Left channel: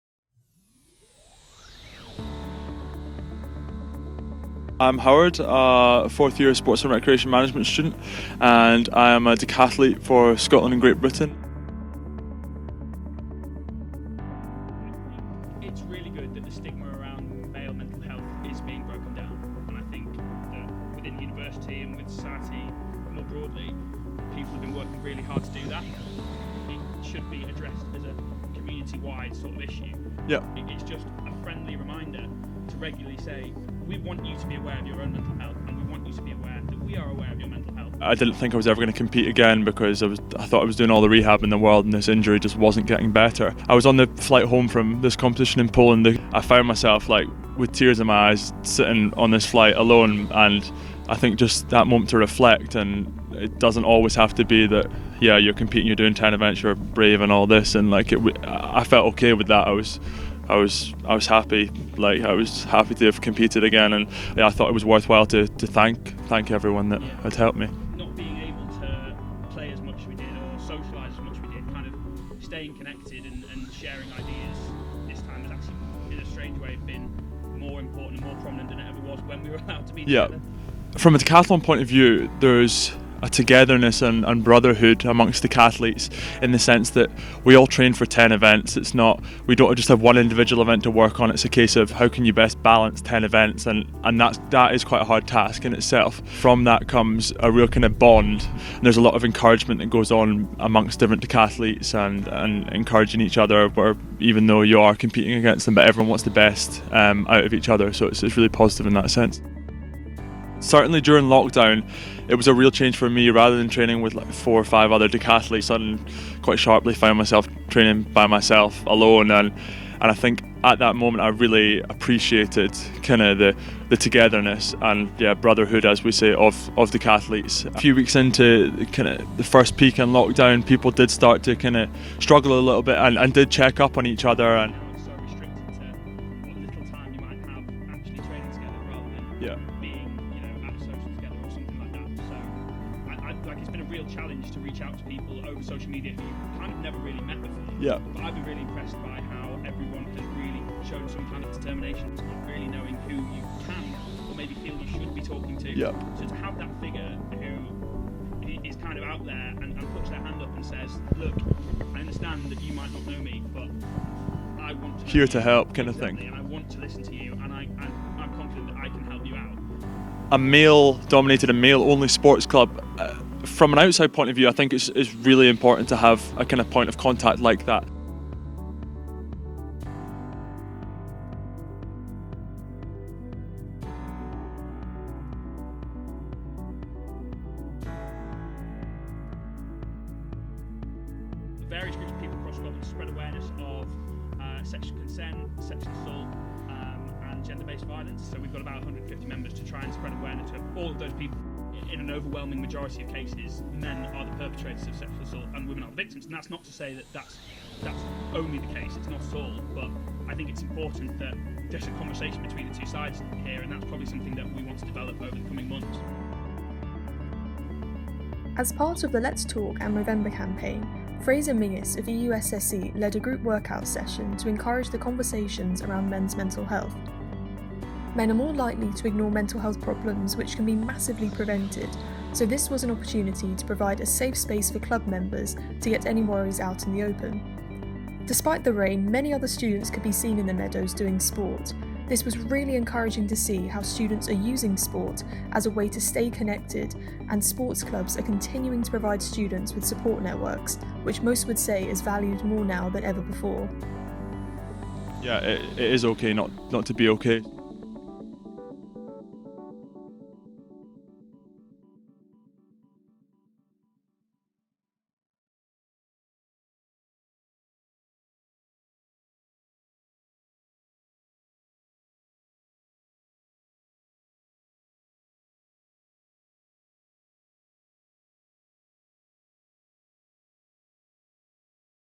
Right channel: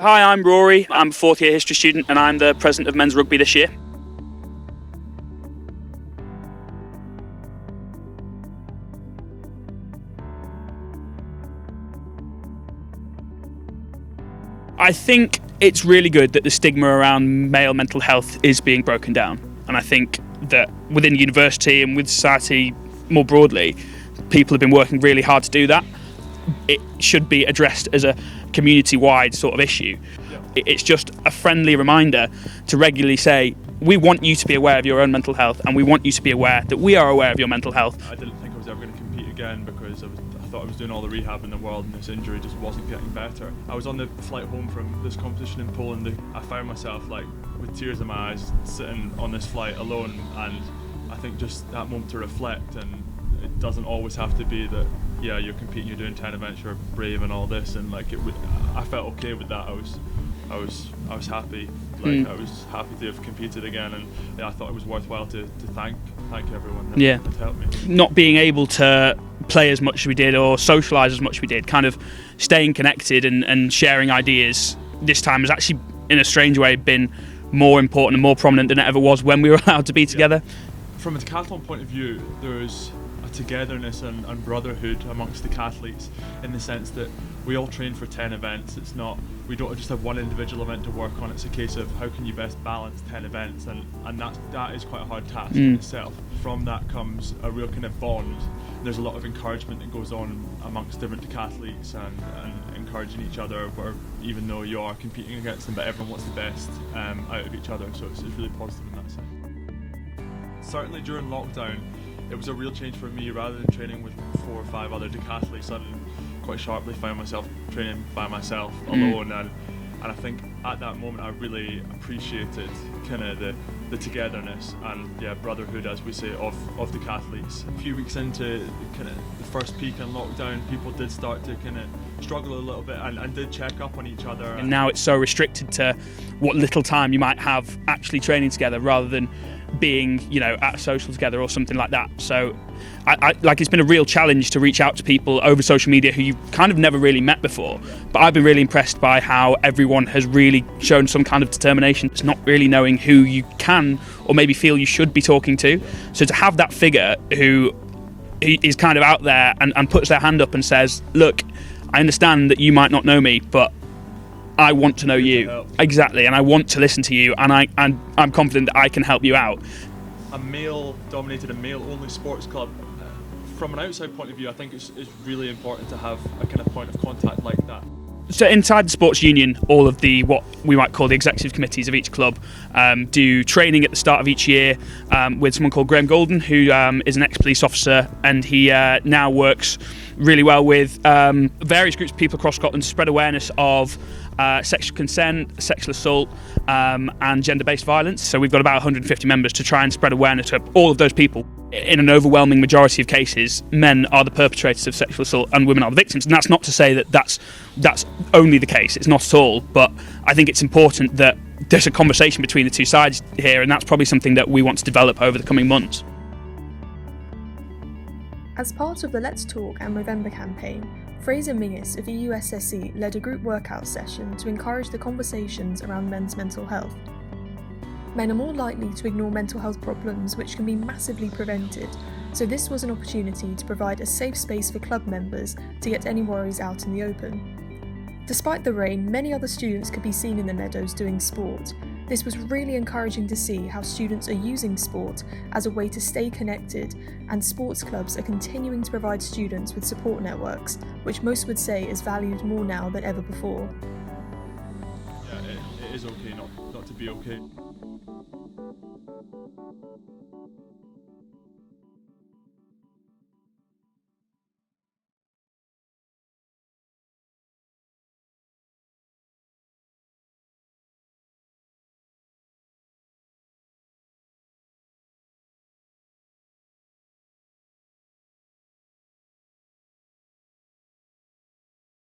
Hi, I'm Rory. I'm a fourth year history student and I'm the president of men's rugby this year. I'm Howard, a fourth year sports and recreation management student, and I am a decathlete for Scotland and Great Britain. I think it's really good that the stigma around male mental health is being broken down. And I think that within university and with society more broadly, people have been working really hard to do that. It should be addressed as a community-wide sort of issue. Yeah. It's just a friendly reminder to regularly say, we want you to be aware of your own mental health and we want you to be aware that we are aware of your mental health. I didn't think I was ever going to compete again because I thought I was doing all the rehab in the world and this injury just wasn't getting better. I was on the flight home from this competition in Poland. I found myself with tears in my eyes sitting on this flight alone, and I think just that moment to reflect, and it doesn't always have to be that you're competing, you're doing 10 events, you're brave and all this, and I felt okay with that. I was happy. I was happy to have competed again, and I thought it was worthwhile to thank everyone that had helped me. Not being able to play as much as we did or socialise as much as we did, kind of staying connected and sharing ideas this time has actually, in a strange way, been more important and more prominent than it ever was when we were allowed to be together. From a decathlon point of view, there's a togetherness and brotherhood amongst decathletes, in the sense that we all train for 10 events. We don't just have one individual event to work on. It's a case of how can you best balance 10 events, and that is quite a hard task in itself. From that comes a real kind of bond, and there's a lot of encouragement that goes on amongst different decathletes and encouraging each other, where even though you are competing against them, but everyone wants the best out of each other, so it's really positive in that sense. Certainly during lockdown, it was a real change for me. Rather than training with 4 or 5 other decathletes, I quite sharply found myself training by myself alone, and I think at that moment I really appreciated kind of the togetherness and brotherhood, as we say, of decathletes. A few weeks into kind of the first peak in lockdown, people did start to kind of struggle a little bit and did check up on each other. And now it's so restricted to what little time you might have actually training together, rather than being, at a social together or something like that. So it's been a real challenge to reach out to people over social media who you've kind of never really met before. But I've been really impressed by how everyone has really shown some kind of determination. It's not really knowing who you can or maybe feel you should be talking to. So to have that figure who is kind of out there and puts their hand up and says, look, I understand that you might not know me, but I want to know you. To help, exactly, and I want to listen to you, and I'm confident that I can help you out. A male-dominated and male-only sports club, from an outside point of view, I think it's really important to have a kind of point of contact like that. So inside the sports union, all of what we might call the executive committees of each club do training at the start of each year with someone called Graham Golden, who is an ex-police officer, and he now works really well with various groups of people across Scotland to spread awareness of sexual consent, sexual assault and gender-based violence. So we've got about 150 members to try and spread awareness to all of those people. In an overwhelming majority of cases, men are the perpetrators of sexual assault and women are the victims. And that's not to say that that's only the case. It's not at all. But I think it's important that there's a conversation between the two sides here, and that's probably something that we want to develop over the coming months. As part of the Let's Talk and Movember campaign, Fraser Menzies of the USSC led a group workout session to encourage the conversations around men's mental health. Men are more likely to ignore mental health problems which can be massively prevented, so this was an opportunity to provide a safe space for club members to get any worries out in the open. Despite the rain, many other students could be seen in the meadows doing sport. This was really encouraging to see how students are using sport as a way to stay connected, and sports clubs are continuing to provide students with support networks, which most would say is valued more now than ever before. It is okay not to be okay.